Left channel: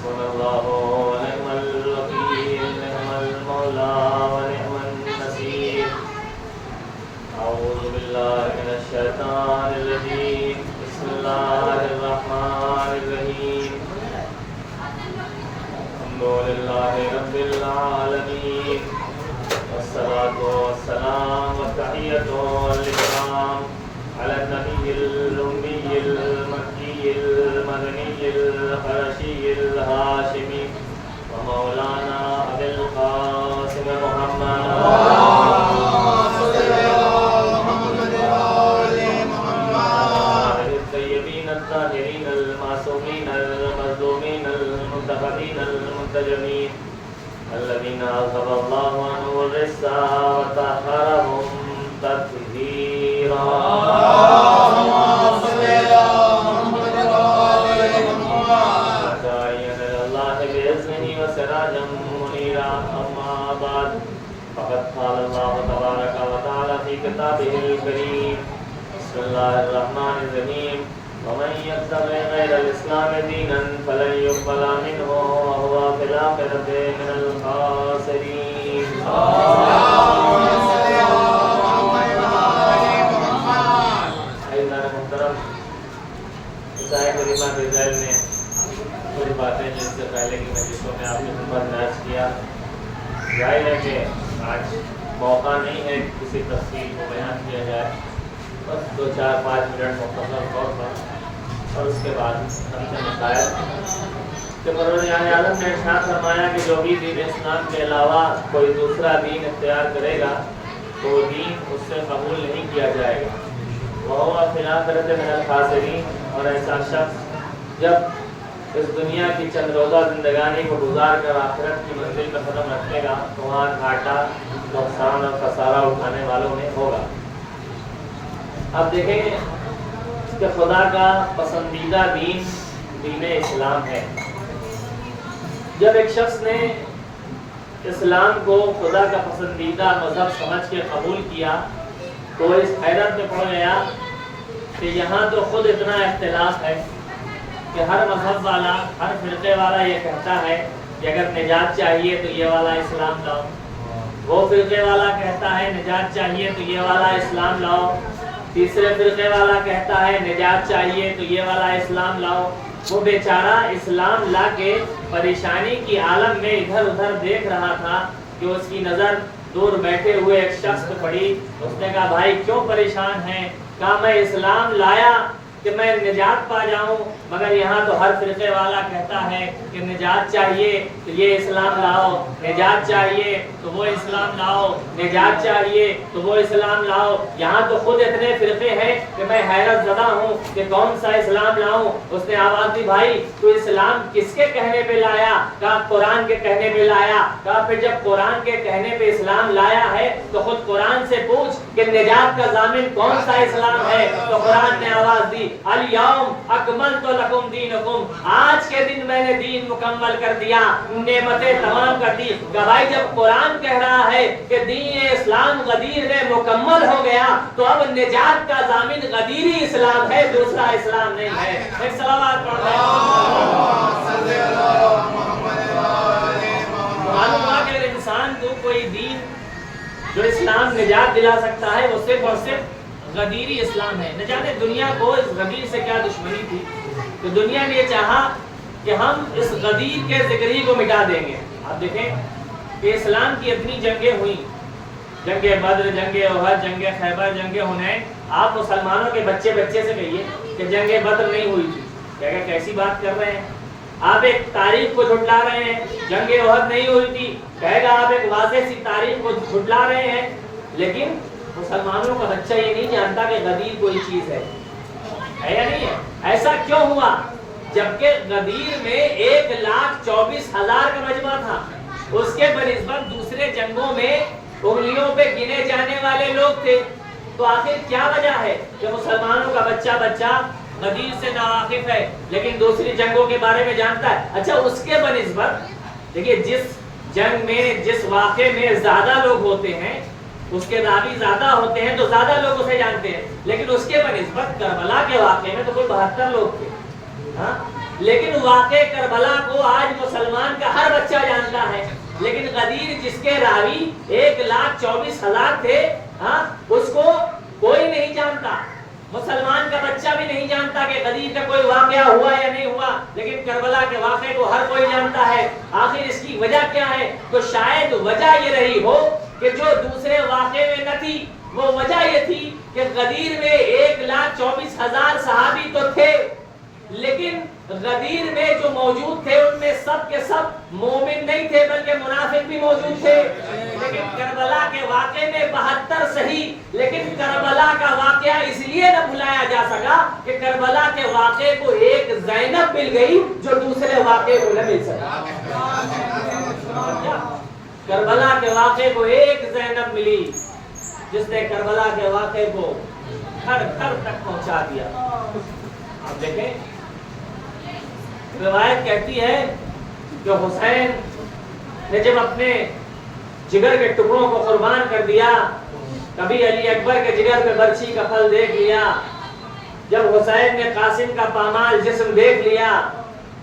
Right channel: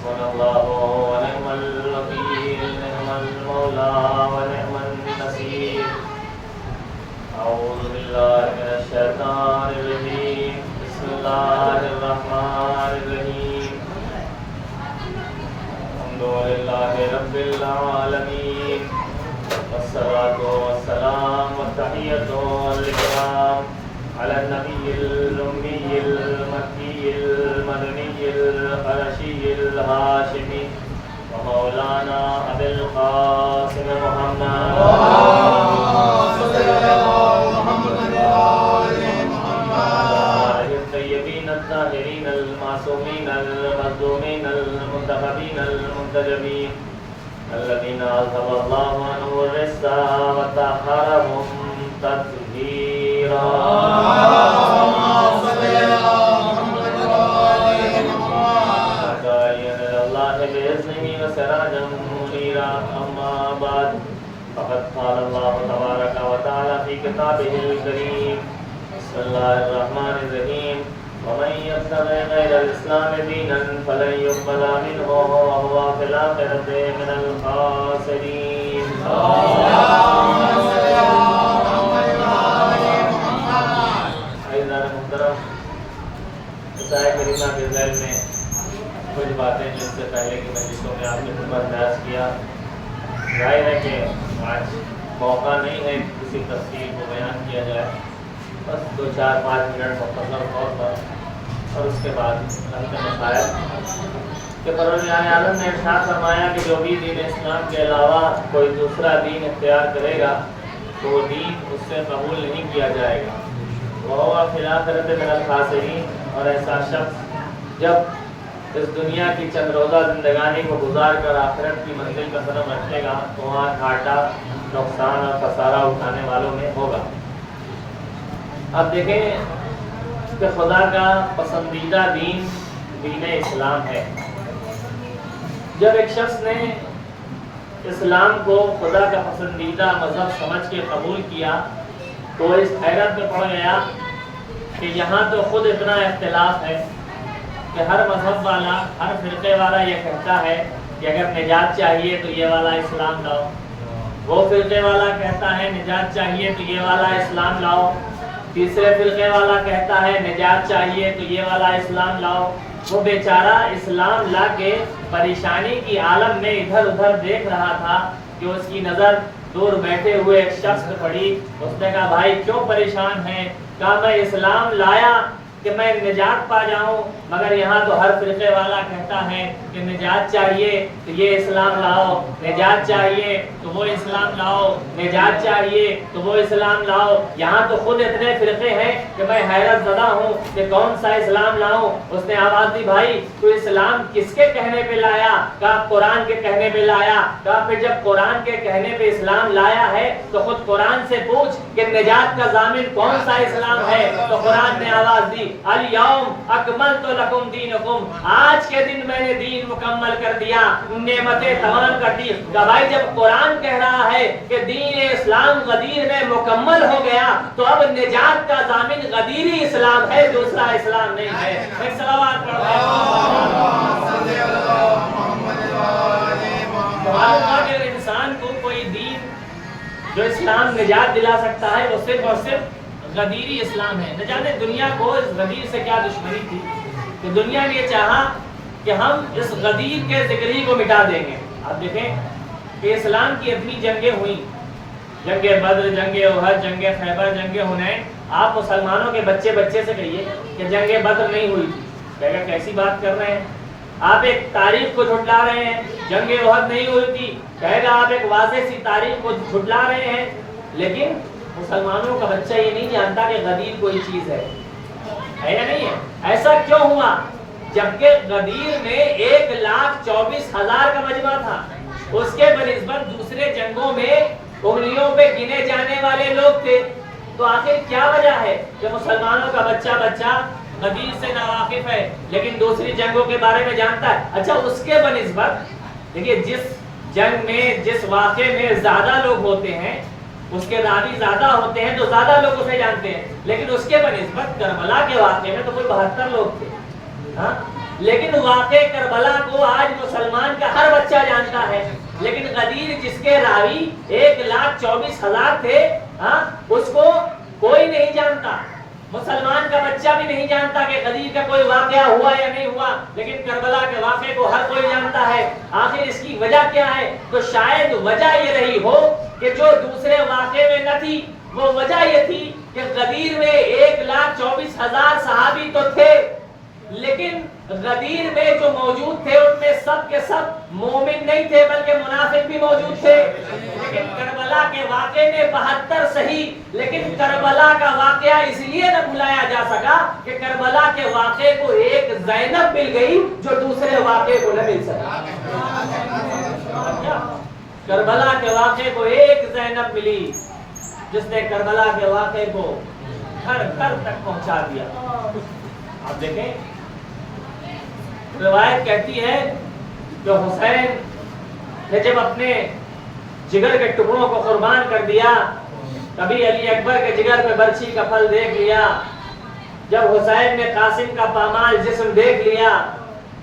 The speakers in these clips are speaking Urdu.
حسبنا الله ونعم الوكيل نعم المولى ونعم النصير أعوذ بالله من الشيطان الرجيم بسم الله الرحمن الرحيم الحمد لله رب العالمين والصلاة والسلام والتحية والإكرام على النبي الأمي المكي المدني القرشي الهاشمي ومولانا أبي القاسم محمد الطيبين الطاهرين المعصومين المظلومين المنتخبين المنتجبين الذين أذهب الله عنهم الرجس وطهرهم تطهيرا داعيا إلى الله بإذنه وسراجا منيرا أما بعد فقد قال الله تبارك وتعالى في كتابه الكريم بسم الله الرحمن الرحيم ومن يبتغي غير الإسلام دينا فلن يقبل منه وهو في الآخرة من الخاسرين. عزیزان محترم، عیسائی کریمہ کے ذیل میں کچھ باتیں جس سے پہلے کی مجلسوں میں آپ کی خدمت درج کیا. ظاہر ہے کہ آج موقع نہیں ہے کسی تفصیل کو بیان کیا جائے، بس 2-4-5 منٹ مختصر طور پر، اور اس کے بعد ہم کے مسائل کہ پروردگار عالم نے ارشاد فرمایا کہ جو بھی دین اسلام کے علاوہ کوئی دوسرا دین اختیار کرے گا تو وہ دین اس سے قبول نہیں کیا جائے گا. وَهُوَ فِي الْآخِرَةِ مِنَ الْخَاسِرِينَ. اور ایسا شخص جب اس دنیا کی چند روزہ زندگانی کو گزار کر آخرت کی منزل کا قدم رکھے گا تو وہاں گھاٹا، نقصان اور خسارہ اٹھانے والوں میں ہوگا. اب دیکھیں کہ خدا کا پسندیدہ دین دین اسلام ہے. جب ایک شخص نے اسلام کو خدا کا پسندیدہ مذہب سمجھ کے قبول کیا تو وہ اس حیرت میں پڑ گیا کہ یہاں تو خود اتنا اختلاف ہے کہ ہر مذہب والا، ہر فرقے والا یہ کہتا ہے کہ اگر نجات چاہیے تو یہ والا اسلام لاؤ، وہ فرقے والا کہتا ہے نجات چاہیے تو یہ والا اسلام لاؤ، تیسرے فرقے والا کہتا ہے نجات چاہیے تو یہ والا اسلام لاؤ. وہ بیچارہ اسلام لا کے پریشانی کی عالم میں ادھر ادھر دیکھ رہا تھا کہ اس کی نظر دور بیٹھے ہوئے ایک شخص پہ پڑی. اس نے کہا بھائی کیوں پریشان ہیں؟ کہا میں اسلام لایا کہ میں نجات پا جاؤں، مگر یہاں تو ہر فرقے والا کہتا ہے کہ نجات چاہیے تو یہ اسلام لاؤ، نجات چاہیے تو وہ اسلام لاؤ، نجات چاہیے تو وہ اسلام لاؤ. یہاں تو خود اتنے فرقے ہیں کہ میں حیرت زدہ ہوں کہ کون سا اسلام لاؤں. اس نے آواز دی بھائی تو اسلام کس کے کہنے پہ لایا؟ کہا قرآن کے کہنے پہ لایا. کہا پھر جب قرآن کے کہنے پہ اسلام لایا ہے تو خود قرآن سے پوچھ کہ نجات کا ضامن کون سا اسلام ہے. تو قرآن نے آواز دی الیوم اکملت لکم دینکم، آج کے دن میں نے دین مکمل کر دیا، نعمتیں تمام کر دی. گواہی جب قرآن کہہ رہا ہے کہ دین اسلام غدیر میں مکمل ہو گیا تو اب نجات کا ضامن غدیری اسلام ہے، دوسرا اسلام نہیں ہے. ایک صلوات پڑھ لیں. معلوم ہوا کہ انسان کو کوئی دین جو اسلام نجات دلا سکتا ہے وہ صرف اور صرف غدیری اسلام ہے. نہ جانے دنیا کو اس غدیر سے کیا دشمنی تھی کہ دنیا نے یہ چاہا کہ ہم اس غدیر کے ذکری کو مٹا دیں گے. آپ دیکھیں کہ اسلام کی اتنی جنگیں ہوئیں، جنگ بدر، جنگ احد، جنگ خیبر، جنگ حنین. آپ مسلمانوں کے بچے سے کہیے کہ جنگ بدر نہیں ہوئی تھی، کہے گا کیسی بات کر رہے ہیں آپ، ایک تاریخ کو جھٹلا رہے ہیں. جنگ احد نہیں ہوئی تھی، کہے گا آپ ایک واضح سی تاریخ کو جھٹلا رہے ہیں. لیکن مسلمانوں کا بچہ یہ نہیں جانتا کہ غدیر کوئی چیز ہے یا نہیں ہے. ایسا کیوں ہوا؟ جبکہ غدیر میں 1,24,000 کا مجمع تھا، اس کے بنسبت دوسرے جنگوں میں انگلیوں پہ گنے جانے والے لوگ تھے. تو آخر کیا وجہ ہے کہ مسلمانوں کا بچہ غدیر سے ناواقف ہے لیکن دوسری جنگوں کے بارے میں جانتا ہے؟ اچھا اس کے بنسبت دیکھیے جس جنگ میں، جس واقعے میں زیادہ لوگ ہوتے ہیں، اس کے راوی زیادہ ہوتے ہیں تو زیادہ لوگ اسے جانتے ہیں. لیکن اس کے بنسبت کربلا کے واقعے میں تو کوئی 72 لوگ تھے. ہاں لیکن واقع کربلا کو آج مسلمان کا ہر بچہ جانتا ہے، لیکن غدیر جس کے راوی 1,24,000 تھے، اس کو کوئی نہیں جانتا، مسلمان کا بچہ بھی نہیں جانتا کہ غدیر کا کوئی واقعہ ہوا یا نہیں ہوا، لیکن کربلا کے واقعے کو ہر کوئی جانتا ہے۔ آخر اس کی وجہ کیا ہے؟ تو شاید وجہ یہ رہی ہو کہ جو دوسرے واقعے میں نہ تھی، وہ وجہ یہ تھی کہ غدیر میں 1,24,000 صحابی تو تھے، لیکن غدیر میں جو موجود تھے ان میں سب کے سب مومن نہیں تھے بلکہ منافق بھی موجود تھے۔ لیکن کربلا کے واقعے میں 72 صحیح، لیکن کربلا کا واقعہ اس لیے نہ بلایا جا سکا کہ کربلا کے واقعے کو ایک زینب مل گئی جو دوسرے واقعے کو نہ مل سکا۔ کربلا کے واقعے کو ایک زینب ملی جس نے کربلا کے واقعے کو گھر گھر تک پہنچا دیا۔ آپ دیکھیں روایت کہتی ہے کہ حسین نے جب اپنے جگر کے ٹکڑوں کو قربان کر دیا، کبھی علی اکبر کے جگر پہ برچھی کا پھل دیکھ لیا، جب حسین نے قاسم کا پامال جسم دیکھ لیا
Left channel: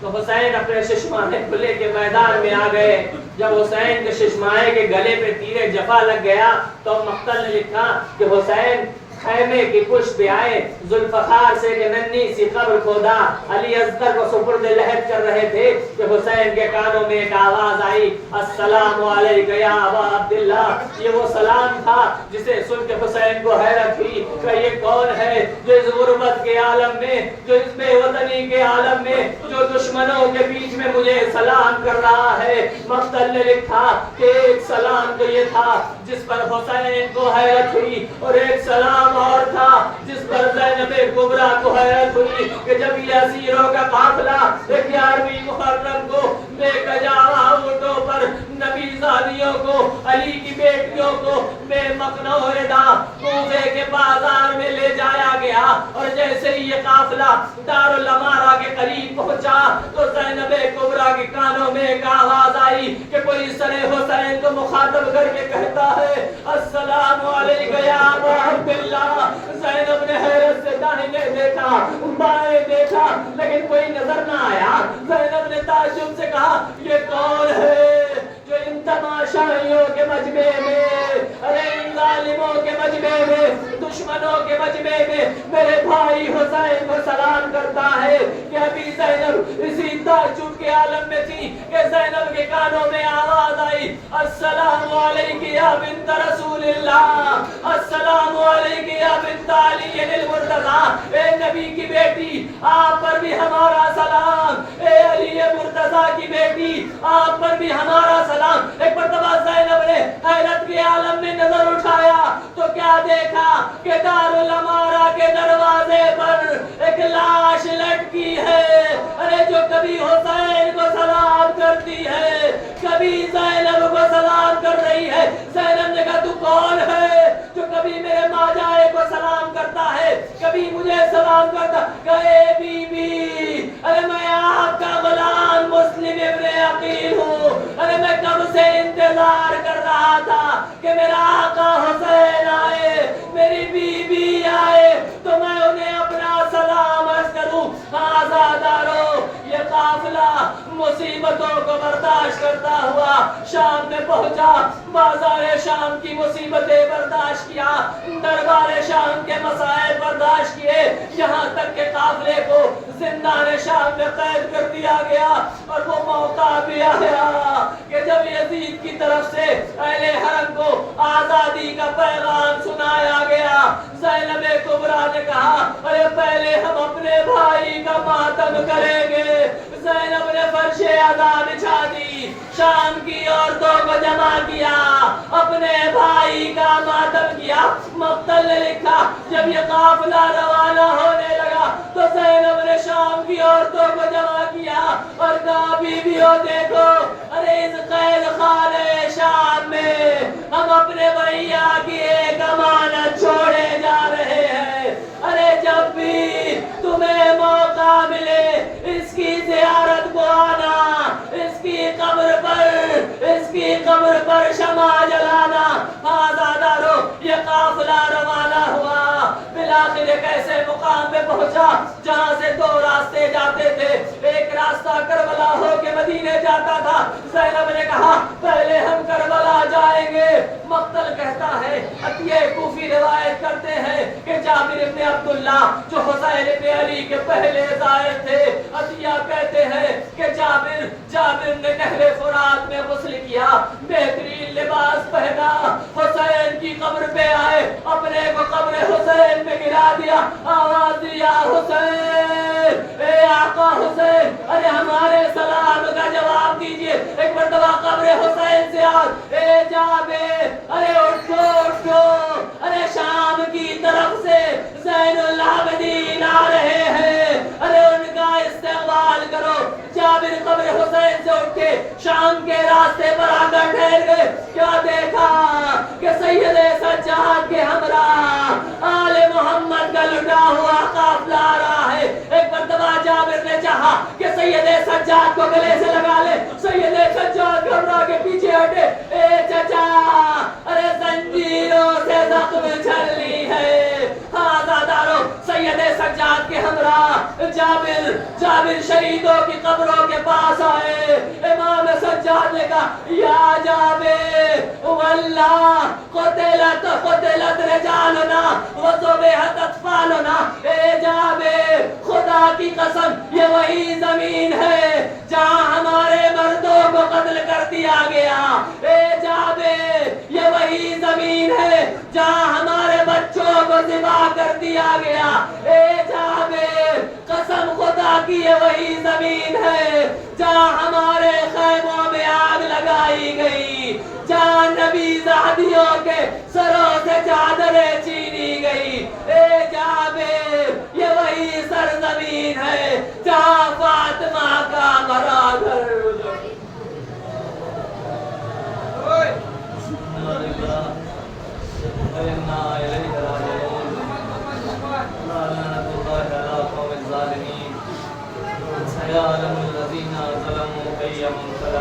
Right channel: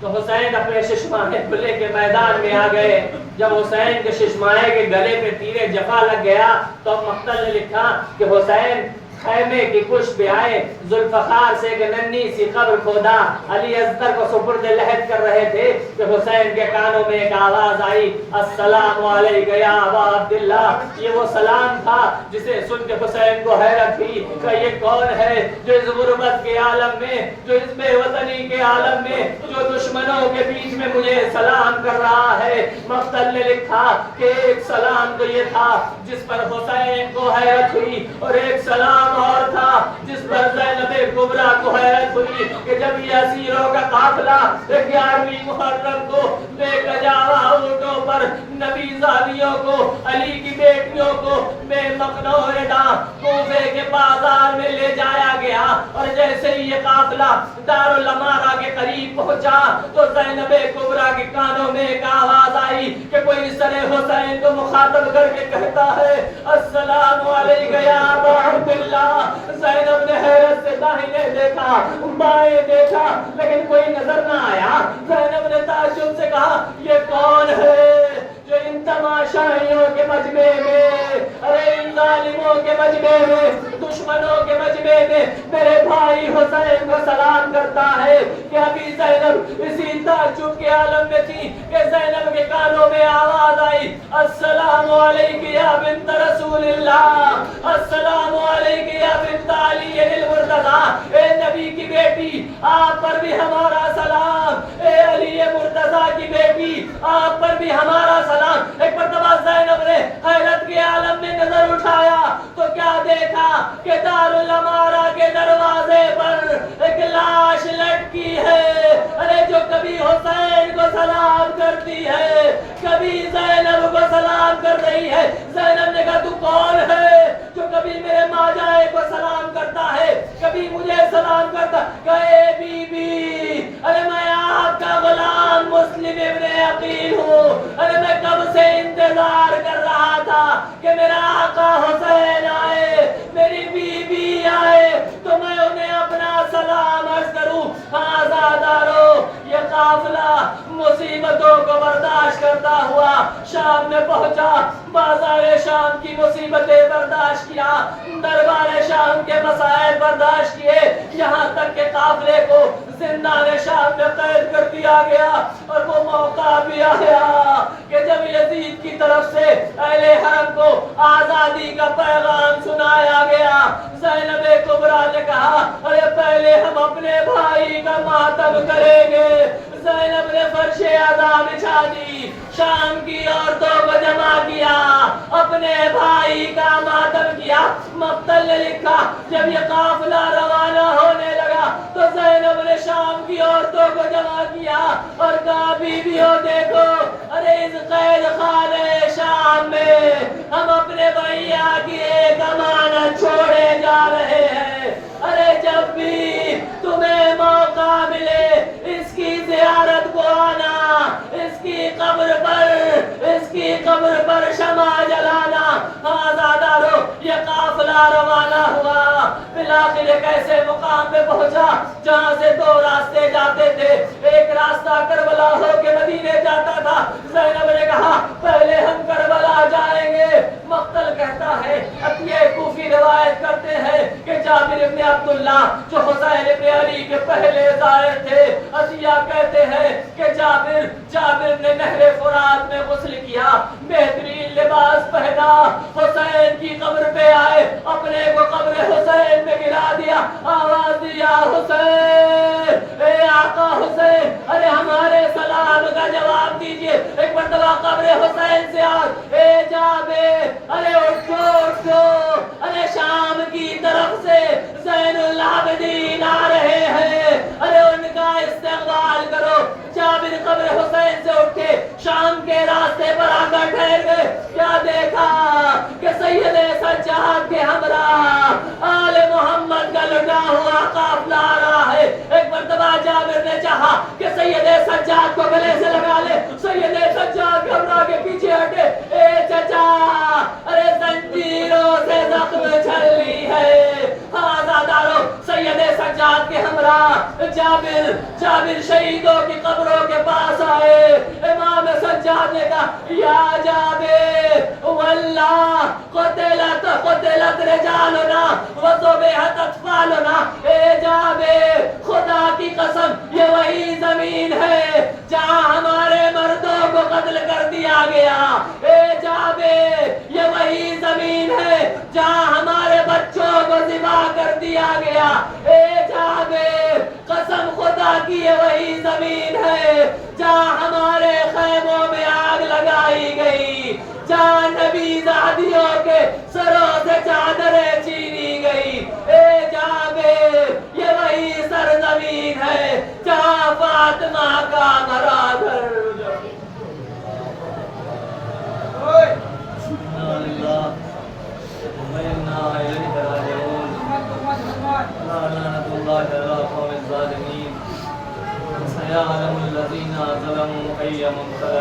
تو حسین اپنے ششمانے کو لے کے میدان میں آ گئے۔ جب حسین کے ششمانے کے گلے پہ تیر جفا لگ گیا تو مقتل نے لکھا کہ حسین خیمے کی پشت پہ آئے، ذوالفقار سے کہ ننھی سی قبر کھودا، علی اصغر کو سپرد لحد کر رہے تھے کہ حسین کے کانوں میں ایک آواز آئی، السلام علیک یا ابا عبداللہ۔ یہ وہ سلام تھا جسے سن کے حسین کو حیرت ہوئی کہ یہ کون ہے جو اس غربت کے عالم میں، جو اس بے وطنی کے عالم میں، جو دشمنوں کے بیچ میں مجھے سلام کر رہا ہے۔ مقتل نے لکھا کہ ایک سلام تو یہ تھا جس پر حسین کو حیرت ہوئی، اور ایک سلام اور تھا جس پر زینب کبریٰ کو حیرت ہوئی کہ جب یہ اسیروں کا قافلہ 11ویں محرم کو بے کجاوا اونٹوں پر نبی زادیوں کو، علی کی بیٹیوں کو بے مقنوعہ کوفے کے بازار میں لے جایا گیا، اور جیسے ہی یہ قافلہ دارالامارہ کے قریب پہنچا تو زینب کبریٰ کے کانوں میں ایک آواز آئی کہ کوئی سر حسین کو مخاطب کر کے کہتا ہے، السلام علیک یا ابا عبداللہ۔ زینب نے حیرت سے داہنے دیکھا، بائیں دیکھا، لیکن کوئی نظر نہ آیا۔ زینب نے تعجب سے کہا، یہ کون ہے جو ان تماشائیوں کے مجمع میں، ارے ان ظالموں کے مجمع میں، دشمنوں کے مجمع میں میرے بھائی حسین کو سلام کرتا ہے؟ کہ ابھی زینب اسی تعجب کے عالم میں تھی کہ زینب کے کانوں میں آواز آئی، السلام علیک یا بنت رسول اللہ، السلام علیک یا بنت علی المرتضی۔ اے نبی کی بیٹی، آپ پر بھی ہمارا سلام، اے علی مرتضی کی بیٹی، آپ پر بھی ہمارا سلام۔ ایک مرتبہ زینب نے حیرت کے عالم میں نظر اٹھایا تو کیا دیکھا کہ دارالامارہ کے دروازے پر ایک لاش لٹکی ہے، ارے جو کبھی حسین کو سلام کرتی ہے، کبھی زینب کو سلام کر رہی ہے۔ زینب نے کہا، تو کون ہے جو کبھی میرے ماجائے کو سلام کرتا ہے، کبھی مجھے سلام کرتا؟ کہے بی بی، ارے میں آپ کا غلام مسلم ابن عقیل ہوں، ارے میں کب سے انتظار کر رہا تھا کہ میرا آقا حسین آئے، میری بی بی آئے تو میں انہیں اپنا سلام عرض کروں۔ آزادارو، یہ قافلہ مصیبتوں کو برداشت کرتا ہوا شام میں پہنچا، بازار شام کی مصیبتیں برداشت کیا، دربار شام کے مسائل برداشت کیے، یہاں تک کہ قافلے کو زندان شام میں قید کر دیا گیا۔ اور وہ موقع بھی آیا کہ جب یزید کی طرف سے اہل حرم کو آزادی کا پیغام سنایا گیا، زینب کبریٰ نے کہا، ارے پہلے ہم اپنے بھائی کا ماتم کریں گے۔ زینب نے فرش عزا بچھا دی، شام کی عورتوں کو جمع کیا، اپنے بھائی کا ماتم کیا۔ مقتل نے لکھا، جب یہ قافلہ روانہ ہونے لگا تو زینب نے شام کی عورتوں کو جمع کیا اور کہا، بیویوں دیکھو، ارے اس قید خانے شام میں ہم اپنے بھیا کی ایک امانت چھوڑے جا رہے ہیں، ارے جب بھی تمہیں موقع ملے اس کی زیارت کو آنا، اس کی قبر پر شمع جلانا۔ آزادارو، یہ قافلہ روانہ ہوا، بالآخر ایک ایسے مقام پہ پہنچا جہاں سے دو راستے جاتے تھے. ایک راستہ کربلا ہو کے مدینے جاتا تھا. زینب نے کہا پہلے ہم کربلا جائیں گے. مقتل کہتا ہے, عطیہ کوفی روایت کرتے ہیں کہ جابر ابن عبداللہ جو حسین ابن علی کے پہلے زائر تھے, عطیہ کہتے ہیں کہ جابر نے نہر فرات میں غسل کیا, بہترین لباس پہنا, حسین کی قبر پہ آئے, اپنے کو قبر حسین میں گرا دیا, آواز دیا حسین, اے آقا حسین, ارے ہمارے سلام کا جواب دیجئے. ایک مرتبہ قبر حسین سے آج, اے جابر, ارے اٹھو اٹھو, ارے شام کی طرف سے زین العابدین آ رہے ہیں, ارے ان کا استقبال کرو. جابر قبر حسین سے اٹھ کے شام کے راستے پر آ کر ٹھہر گئے. کیا دیکھا کہ سید سجاد کے ہمراہ آل محمد کا لٹا ہوا قافلہ آ رہا ہے. ایک مرتبہ جابر نے چاہا کہ سید سجاد کو گلے سے لگا لے. سید سجاد گھبرا کے پیچھے ہٹے. اے چچا, ارے زنجیروں سے زخم چھل لی ہے. ہاں زادارو, سید سجاد کے ہمراہ جابر شہیدوں کی قبروں کے پاس آئے. امام سجاد نے کہا یا جابر واللہ قتلت رجالنا وذبحت اطفالنا. اے جابر, خدا کی قسم یہ وہی زمین ہے جہاں ہمارے مردوں کو قتل کر دیا گیا. اے جابر, یہ وہی زمین ہے جہاں ہمارے بچوں کو ذبح کر دیا گیا. اے جابر, قسم خدا کی یہ وہی زمین ہے جہاں ہمارے خیموں میں آگ لگائی گئی, جہاں نبی زادیوں کے سروں سے چادریں چینی گئی. اے جابر, یہ وہی سرزمین ہے جہاں فاطمہ کا مرادر سيعلم الذين ظلموا أي منقلب